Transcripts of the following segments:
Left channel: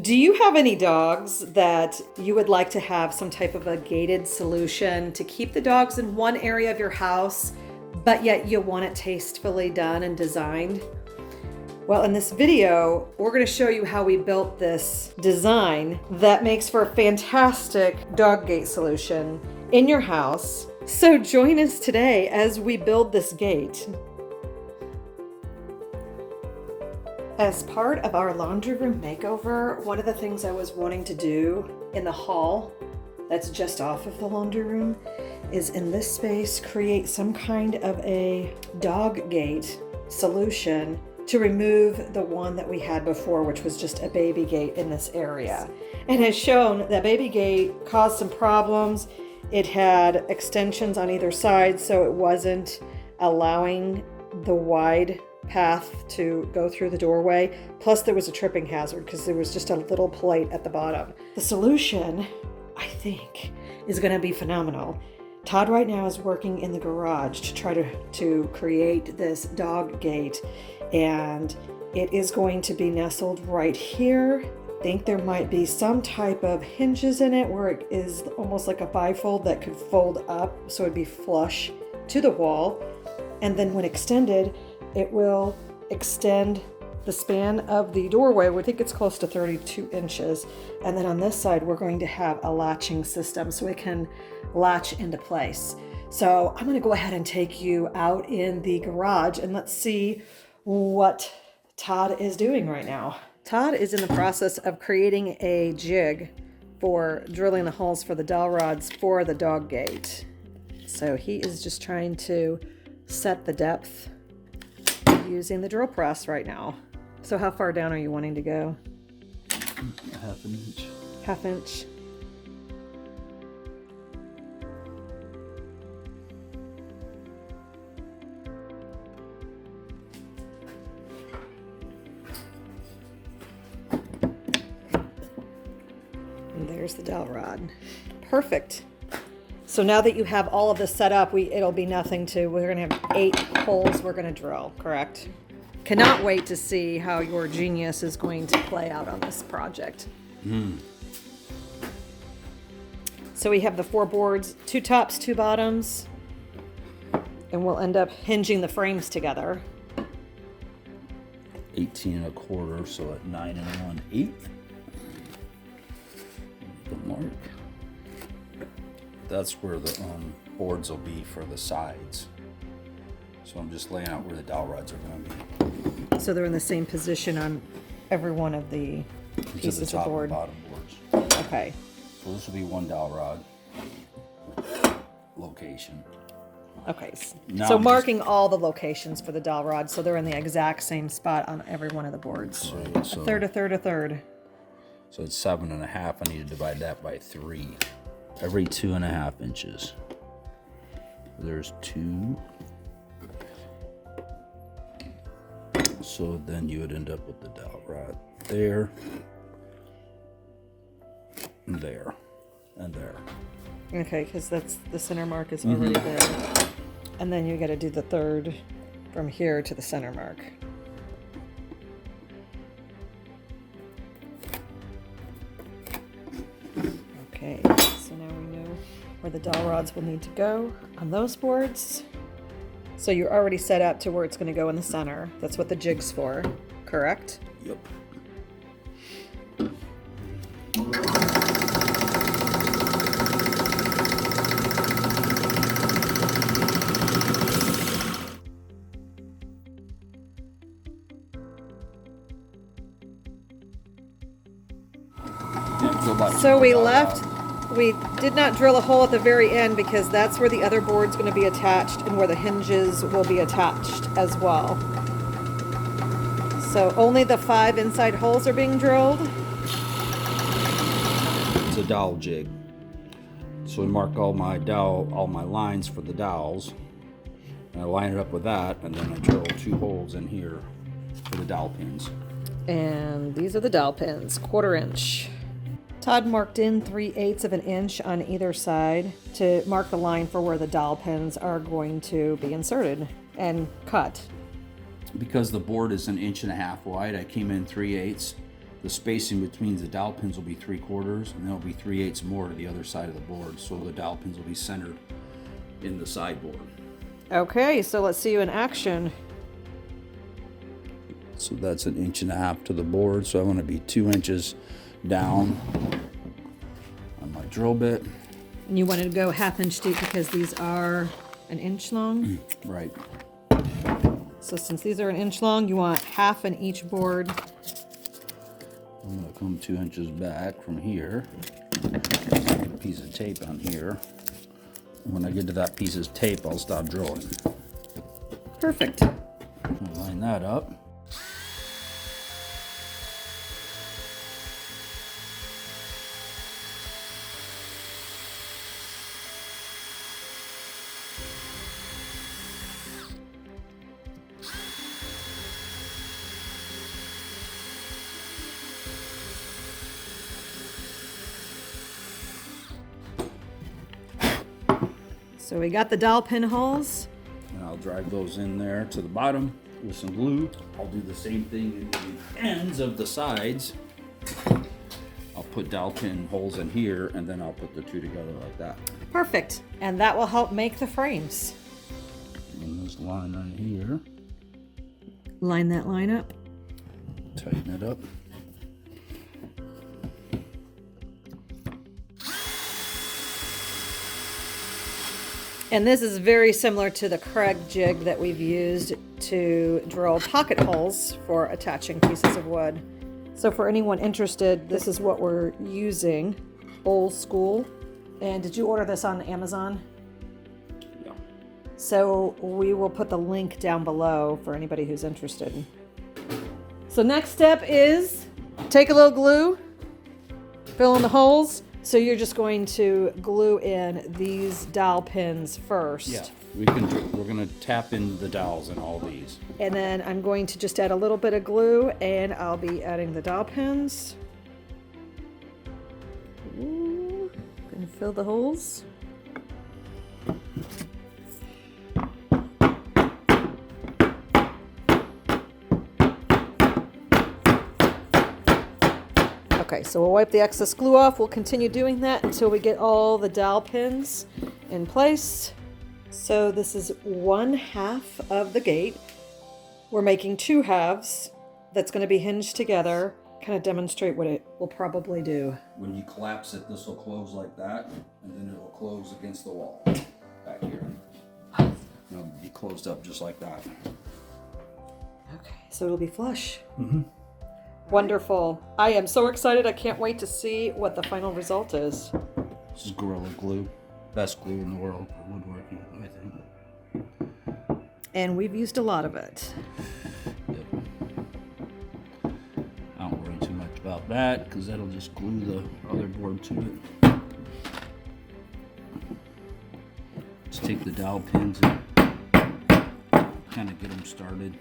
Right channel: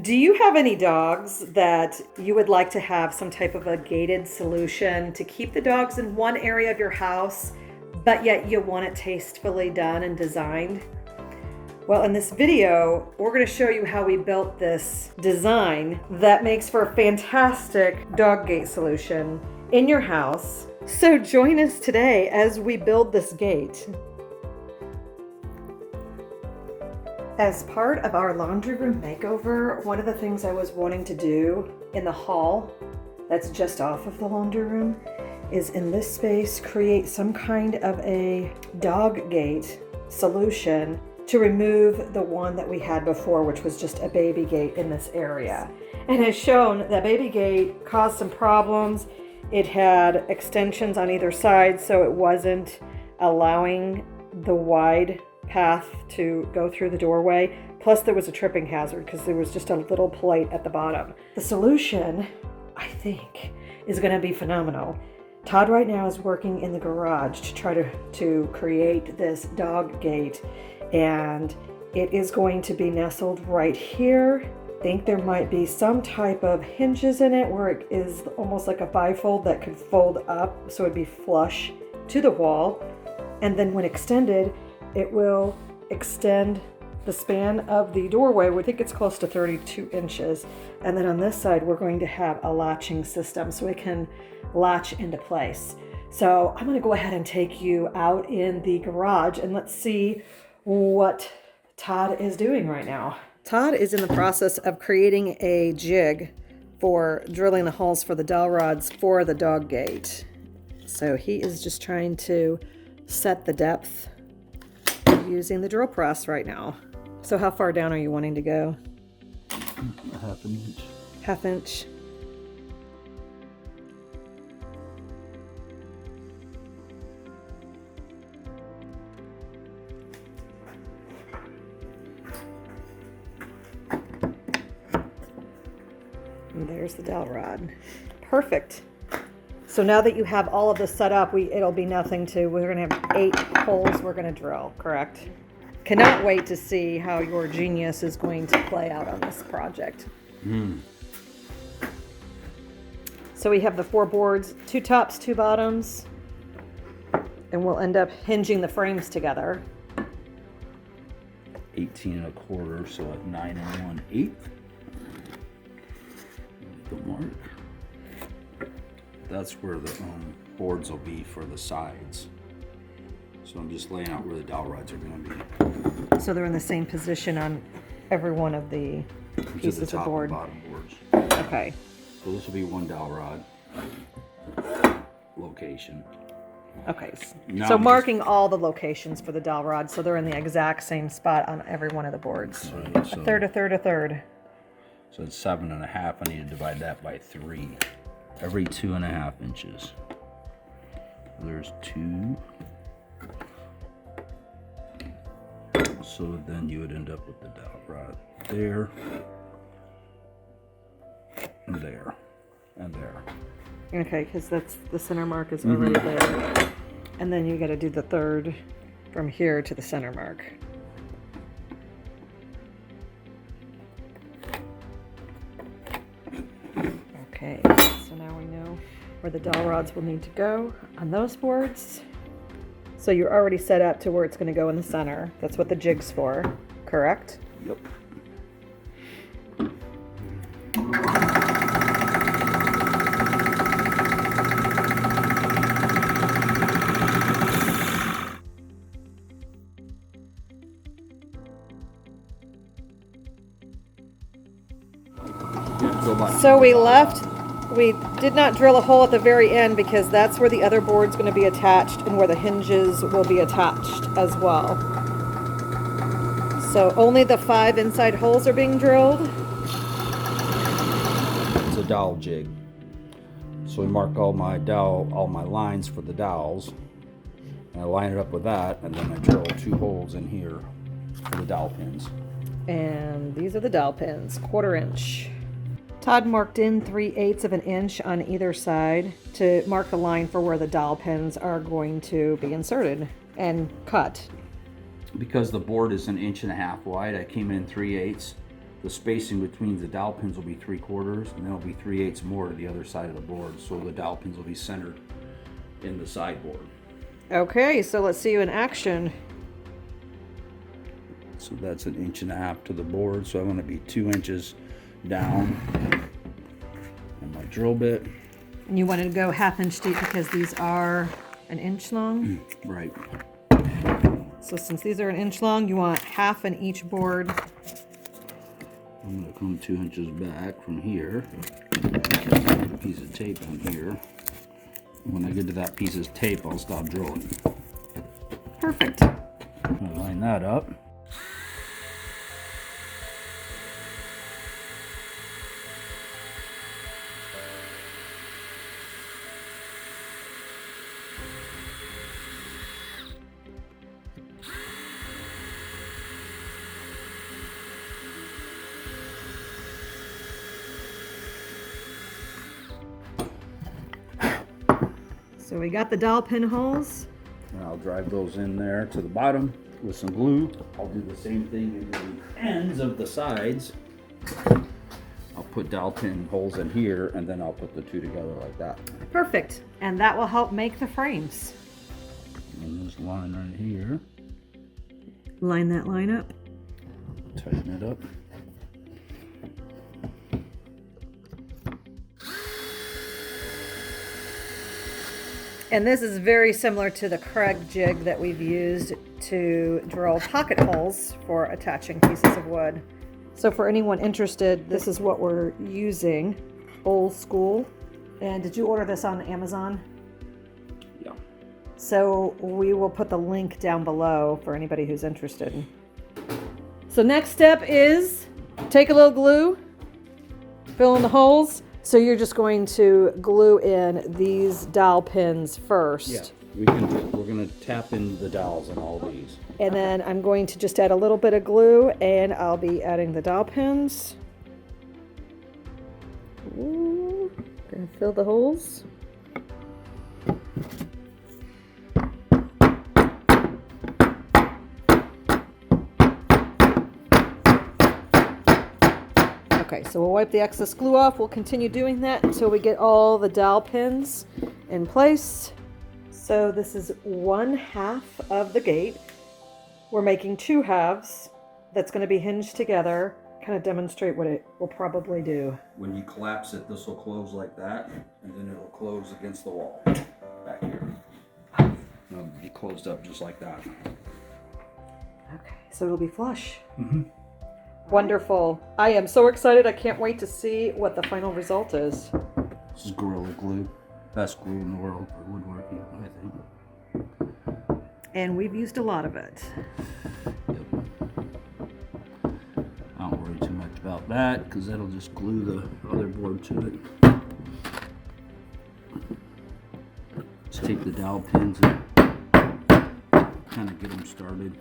Do you have any dogs that you would like to have some type of a gated solution to keep the dogs in one area of your house, but yet you want it tastefully done and designed? Well, in this video, we're going to show you how we built this design that makes for a fantastic dog gate solution in your house. So join us today as we build this gate. As part of our laundry room makeover, one of the things I was wanting to do in the hall that's just off of the laundry room is in this space create some kind of a dog gate solution to remove the one that we had before, which was just a baby gate in this area. And as shown, that baby gate caused some problems. It had extensions on either side, so it wasn't allowing the wide path to go through the doorway. Plus there was a tripping hazard because there was just a little plate at the bottom. The solution, I think, is going to be phenomenal. Todd right now is working in the garage to try to create this dog gate, and it is going to be nestled right here. I think there might be some type of hinges in it where it is almost like a bifold that could fold up so it'd be flush to the wall, and then when extended it will extend the span of the doorway. We think it's close to 32 inches. And then on this side, we're going to have a latching system so it can latch into place. So I'm going to go ahead and take you out in the garage and let's see what Todd is doing right now. Todd is in the process of creating a jig for drilling the holes for the dowel rods for the dog gate. So he is just trying to set the depth using the drill press right now. So how far down are you wanting to go? Half an inch. Half inch. And there's the dowel rod. Perfect. So now that you have all of this set up, it'll be nothing to, we're gonna have 8 holes we're gonna drill, correct? Cannot wait to see how your genius is going to play out on this project. So we have the 4 boards, 2 tops, 2 bottoms, and we'll end up hinging the frames together. 18 1/4, so at 9 1/8. The mark. That's where the boards will be for the sides. So I'm just laying out where the dowel rods are going to be. So they're in the same position on every one of the pieces the top of board. And bottom boards. Okay. So this will be one dowel rod location. Okay. Now So I'm marking all the locations for the dowel rod, so they're in the exact same spot on every one of the boards. Right, so, A third, a third, a third. So it's 7 1/2. I need to divide that by 3. Every 2 1/2 inches. There's 2. So then you would end up with the dowel rod there, and there, and there. Okay, because that's the center mark is already there. And then you got to do the third from here to the center mark. Okay, so now we know where the dowel rods will need to go on those boards. So you're already set up to where it's going to go in the center. That's what the jig's for, correct? Yep. So we did not drill a hole at the very end because that's where the other board's going to be attached and where the hinges will be attached as well. So only the 5 inside holes are being drilled. It's a dowel jig. So we mark all my lines for the dowels. And I line it up with that, and then I drill 2 holes in here for the dowel pins. And these are the dowel pins, 1/4 inch. Todd marked in 3/8 of an inch on either side to mark the line for where the dowel pins are going to be inserted and cut. Because the board is 1.5 inches wide, I came in 3/8 the spacing between the dowel pins will be 3/4, and then it'll be 3/8 more to the other side of the board, so the dowel pins will be centered in the sideboard. Okay, so let's see you in action. So that's 1.5 inches to the board, so I want to be 2 inches down on my drill bit. And you wanted to go 1/2 inch deep because these are 1 inch long? Right. So since these are 1 inch long, you want 1/2 in each board. I'm going to come 2 inches back from here. Put a piece of tape on here. When I get to that piece of tape, I'll stop drilling. Perfect. I'll line that up. So we got the dowel pin holes. And I'll drive those in there to the bottom with some glue. I'll do the same thing in the ends of the sides. I'll put dowel pin holes in here, and then I'll put the two together like that. Perfect. And that will help make the frames. And this line right here. Line that line up. Tighten it up. And this is very similar to the Craig jig that we've used to drill pocket holes for attaching pieces of wood. So for anyone interested, this is what we're using, old school. And did you order this on Amazon? Yeah. So we will put the link down below for anybody who's interested. So next step is take a little glue, fill in the holes. So you're just going to glue in these dowel pins first. Yeah. We're gonna tap in the dowels in all these. And then I'm going to just add a little bit of glue, and I'll be adding the dowel pins. Ooh, gonna fill the holes. Okay, so we'll wipe the excess glue off. We'll continue doing that until we get all the dowel pins in place. So this is 1/2 of the gate. We're making 2 halves that's going to be hinged together. Kind of demonstrate what it will probably do. When you collapse it, this will close like that, and then it'll close against the wall back here. It'll be closed up just like that. Okay, so it'll be flush. Wonderful. I am so excited. I can't wait to see what the final result is. This is Gorilla Glue. Best glue in the world for woodworking, I think. And we've used a lot of it. Yep. I don't worry too much about that, because that'll just glue the other board to it. Just take the dowel pins and kind of get them started.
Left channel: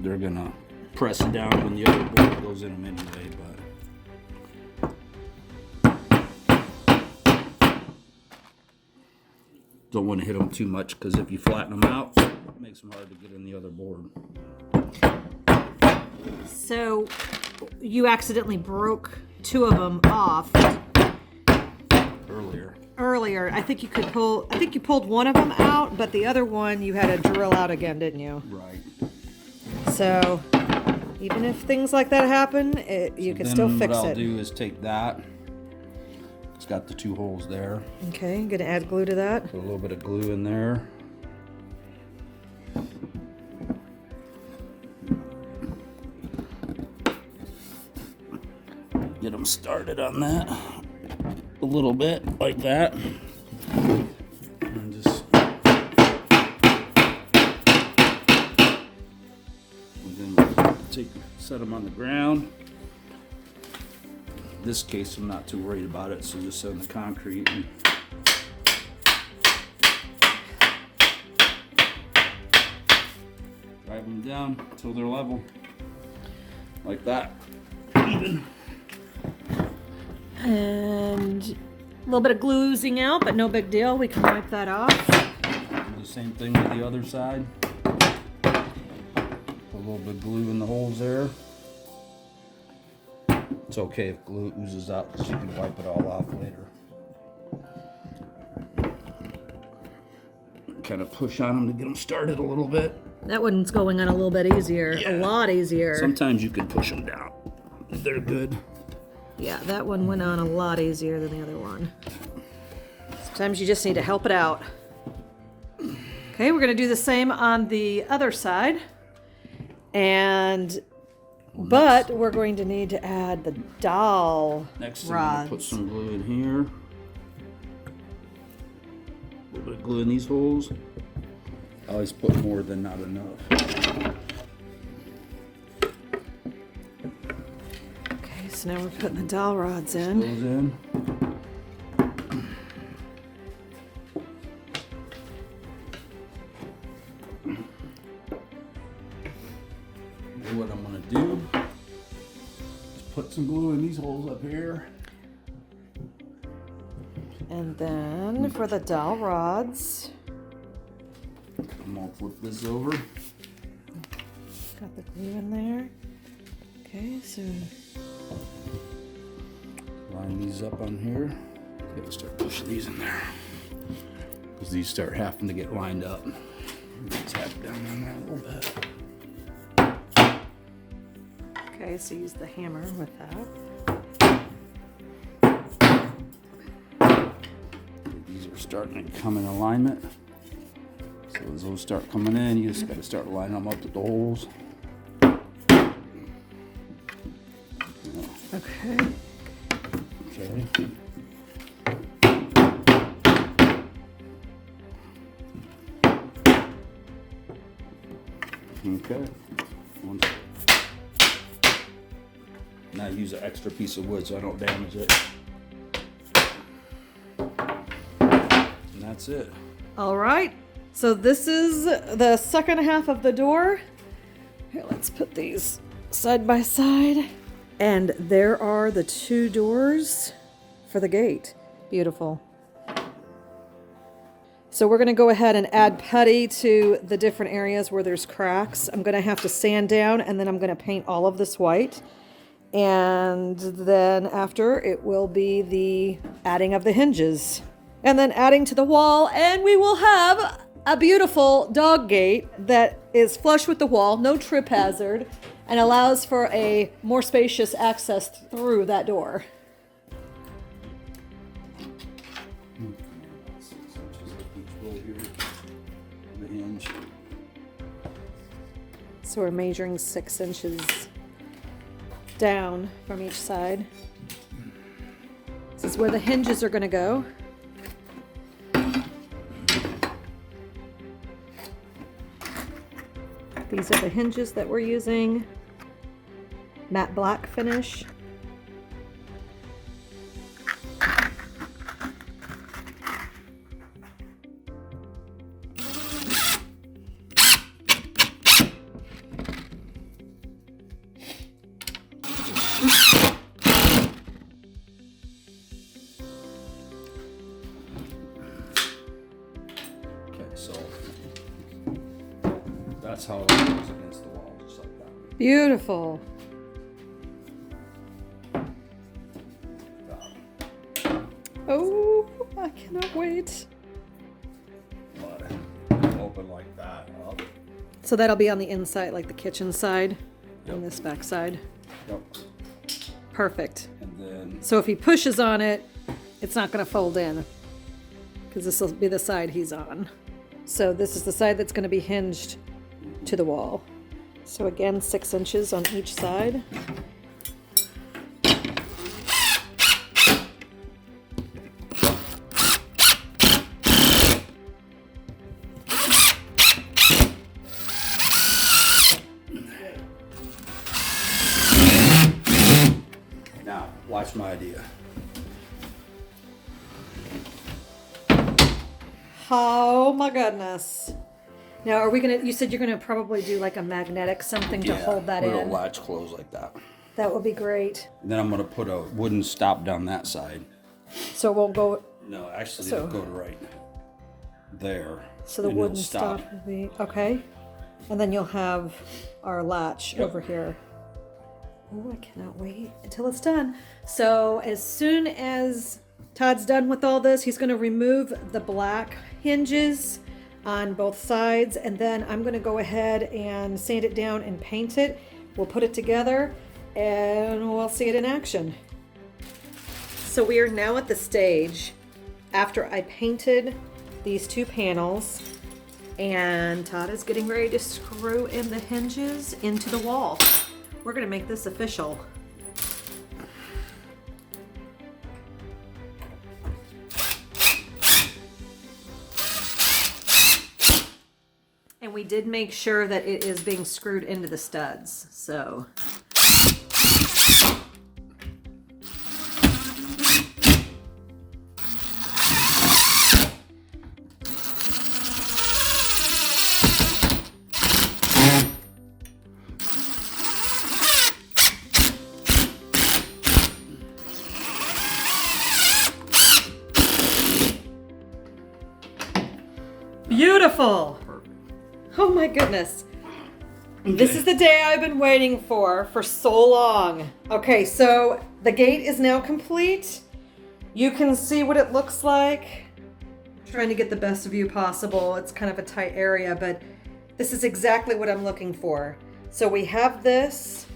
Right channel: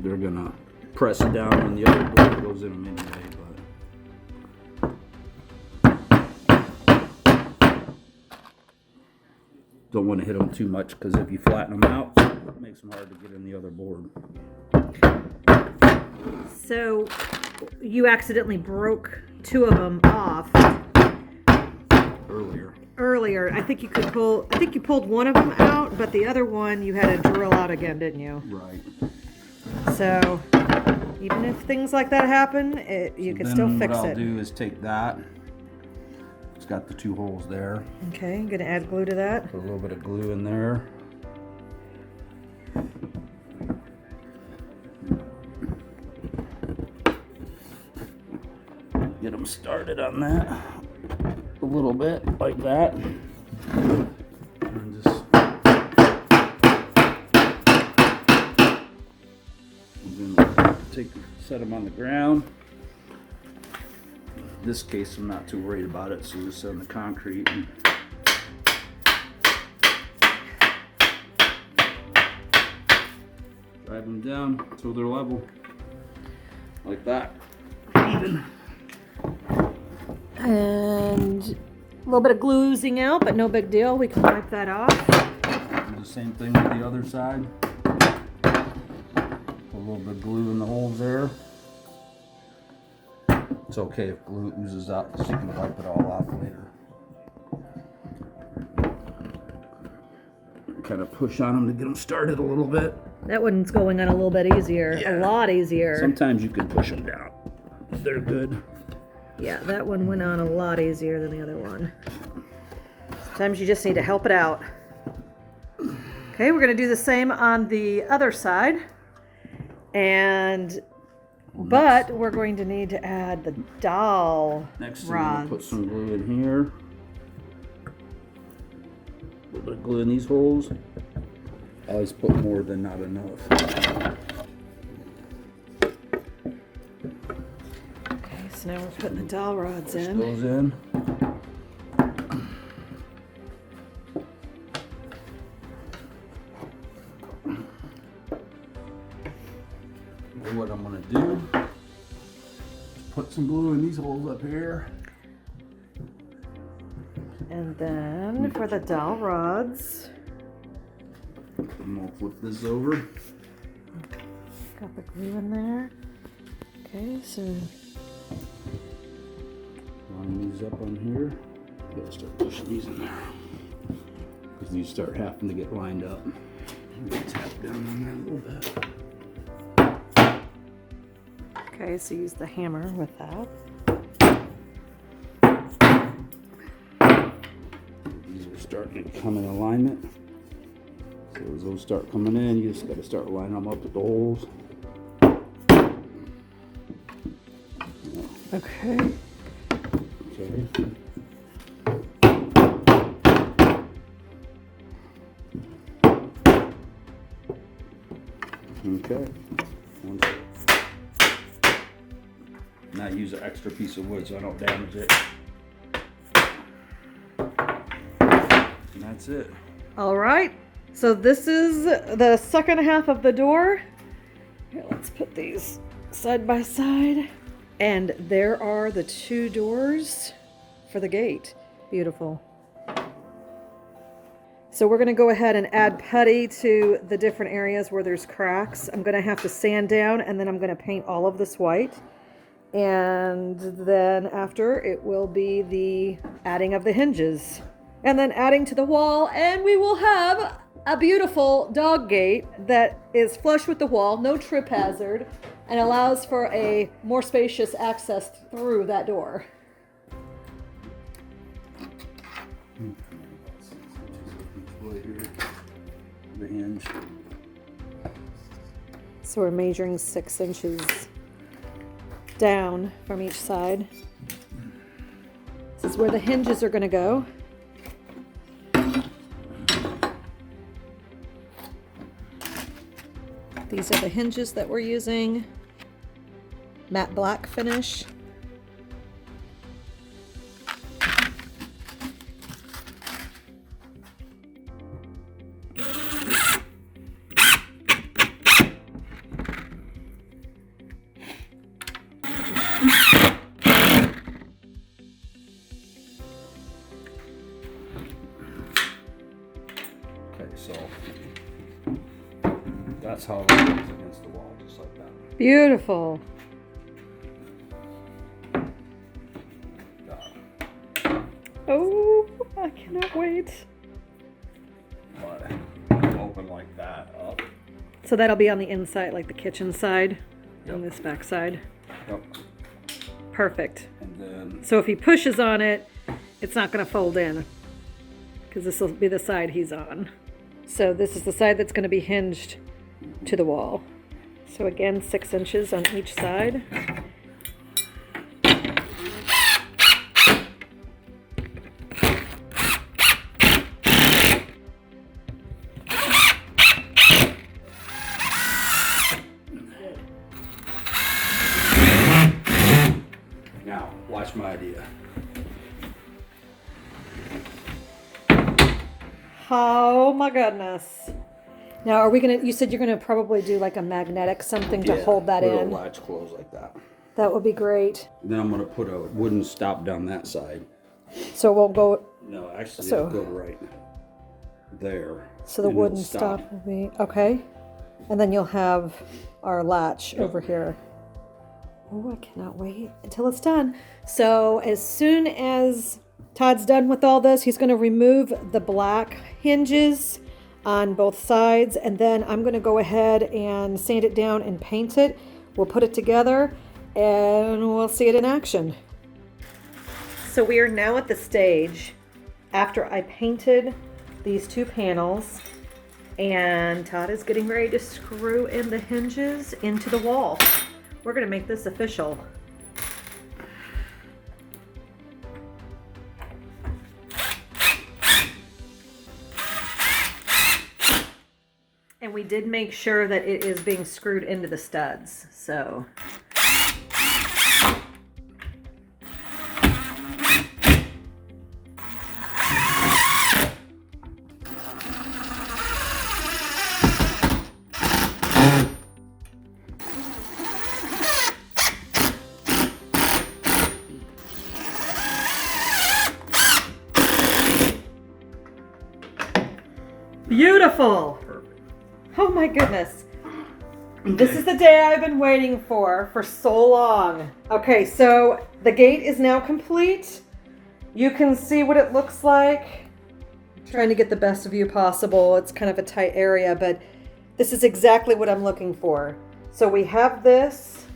They're gonna press down when the other board goes in them anyway, but don't want to hit them too much, because if you flatten them out, it makes them hard to get in the other board. So you accidentally broke 2 of them off earlier. I think you pulled one of them out, but the other one you had to drill out again, didn't you? Right. So even if things like that happen, you can still fix it. What I'll do is take that. It's got the 2 holes there. Okay, I'm gonna add glue to that. Put a little bit of glue in there. Get them started on that a little bit, like that. And just set them on the ground. In this case, I'm not too worried about it, so just set in the concrete and drive them down until they're level, like that. Even. And a little bit of glue oozing out, but no big deal. We can wipe that off. Same thing with the other side. Put a little bit of glue in the holes there. It's okay if glue oozes out because you can wipe it all off later. Kind of push on them to get them started a little bit. That one's going on a little bit easier, Yeah. a lot easier. Sometimes you can push them down. They're good. Yeah, that one went on a lot easier than the other one. Sometimes you just need to help it out. Okay, we're gonna do the same on the other side. But we're going to need to add the dowel Next, I'm rods. gonna put some glue in here. A little bit of glue in these holes. I always put more than not enough. Okay, so now we're putting the dowel rods Push in. those in. And what I'm gonna do is put some glue in these holes up here. And then for the dowel rods, I'm gonna flip this over. got the glue in there. Okay, so Line these up on here. Gotta start pushing these in there. Because these start having to get lined up. Tap down on that a little bit. okay, so use the hammer with that. These are starting to come in alignment. So as those start coming in, you just gotta start lining them up with the holes. Okay. Okay. Okay. Now use an extra piece of wood so I don't damage it. And that's it. All right. So this is the second half of the door. Here, let's put these side by side. And there are the two doors for the gate. Beautiful. So we're gonna go ahead and add putty to the different areas where there's cracks. I'm gonna have to sand down and then I'm gonna paint all of this white. And then after it will be the adding of the hinges. And then adding to the wall, and we will have a beautiful dog gate that is flush with the wall, no trip hazard, and allows for a more spacious access through that door. The hinge. So we're measuring 6 inches down from each side. This is where the hinges are going to go. These are the hinges that we're using. Matte black finish. Okay, so that's how it goes against the wall, just like that. Beautiful. Oh, I cannot wait. But open like that up. So that'll be on the inside, like the kitchen side, Yep. on this back side. Yep. Perfect. And then So if he pushes on it, it's not going to fold in because this will be the side he's on. So this is the side that's going to be hinged to the wall. So again, 6 inches on each side. now, watch my idea. Oh my goodness. Now are we going to, you said you're going to probably do like a magnetic something to hold that little in. latch close like that. That would be great. And then I'm gonna put a wooden stop down that side. So it won't go, No, actually So- it'll go right there. So the And wooden then stop will be, okay. And then you'll have our latch over here. Oh, I cannot wait until it's done. So as soon as Todd's done with all this, he's going to remove the black hinges on both sides, and then I'm going to go ahead and sand it down and paint it. We'll put it together and we'll see it in action. So we are now at the stage after I painted these two panels, and Todd is getting ready to screw in the hinges into the wall. We're going to make this official. And we did make sure that it is being screwed into the studs, so. Beautiful. Oh my goodness. Okay. This is the day I've been waiting for so long. Okay, so the gate is now complete. You can see what it looks like. I'm trying to get the best view possible. It's kind of a tight area, but this is exactly what I'm looking for. So we have this.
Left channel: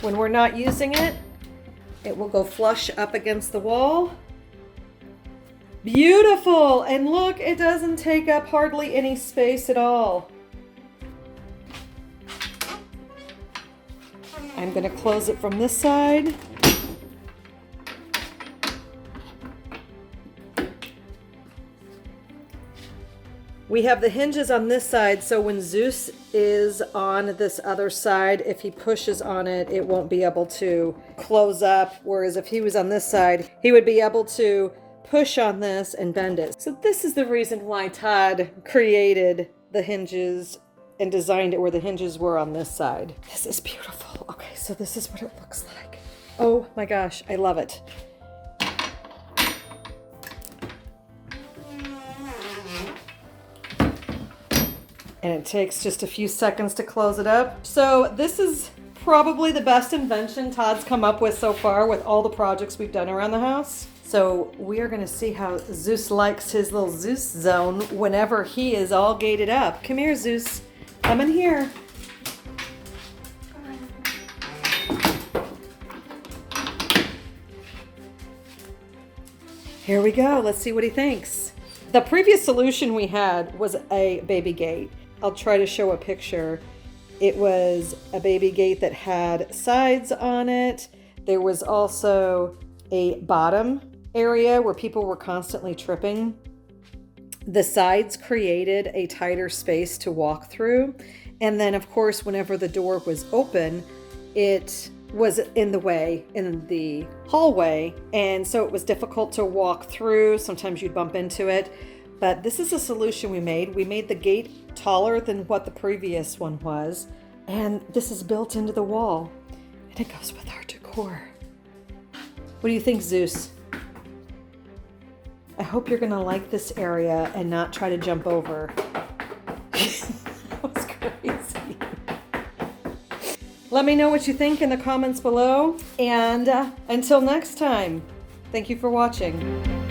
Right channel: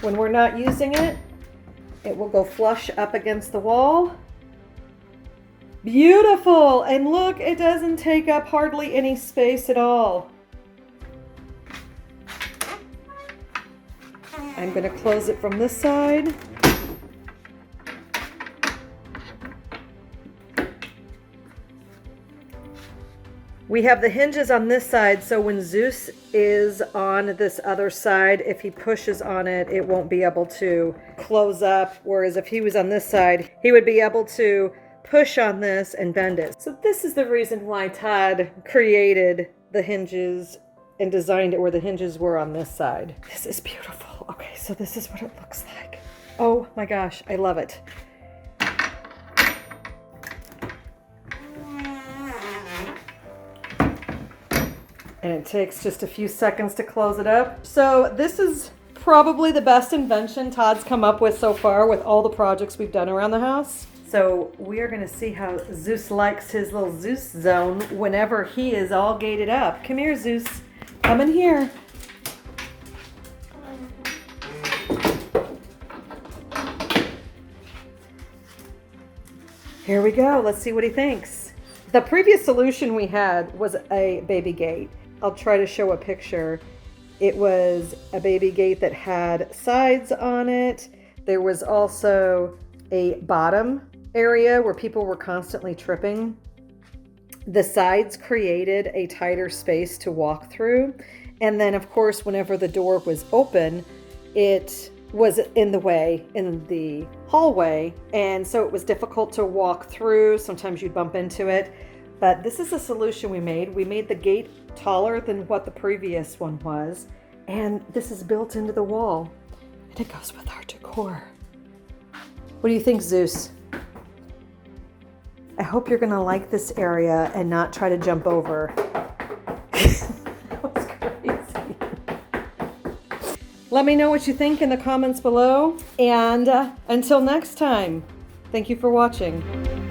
When we're not using it, it will go flush up against the wall. Beautiful! And look, it doesn't take up hardly any space at all. I'm going to close it from this side. We have the hinges on this side, so when Zeus is on this other side, if he pushes on it, it won't be able to close up. Whereas if he was on this side, he would be able to push on this and bend it. So this is the reason why Todd created the hinges and designed it where the hinges were on this side. This is beautiful. Okay, so this is what it looks like. Oh my gosh, I love it. And it takes just a few seconds to close it up. So this is probably the best invention Todd's come up with so far with all the projects we've done around the house. So we are gonna see how Zeus likes his little Zeus zone whenever he is all gated up. Come here, Zeus. Come in here. Here we go. Let's see what he thinks. The previous solution we had was a baby gate. I'll try to show a picture. It was a baby gate that had sides on it. There was also a bottom area where people were constantly tripping. The sides created a tighter space to walk through. And then of course, whenever the door was open, it was in the way in the hallway. And so it was difficult to walk through. Sometimes you'd bump into it. But this is a solution we made. We made the gate taller than what the previous one was. And this is built into the wall. And it goes with our decor. What do you think, Zeus? I hope you're gonna like this area and not try to jump over. That was crazy. Let me know what you think in the comments below. And until next time, thank you for watching.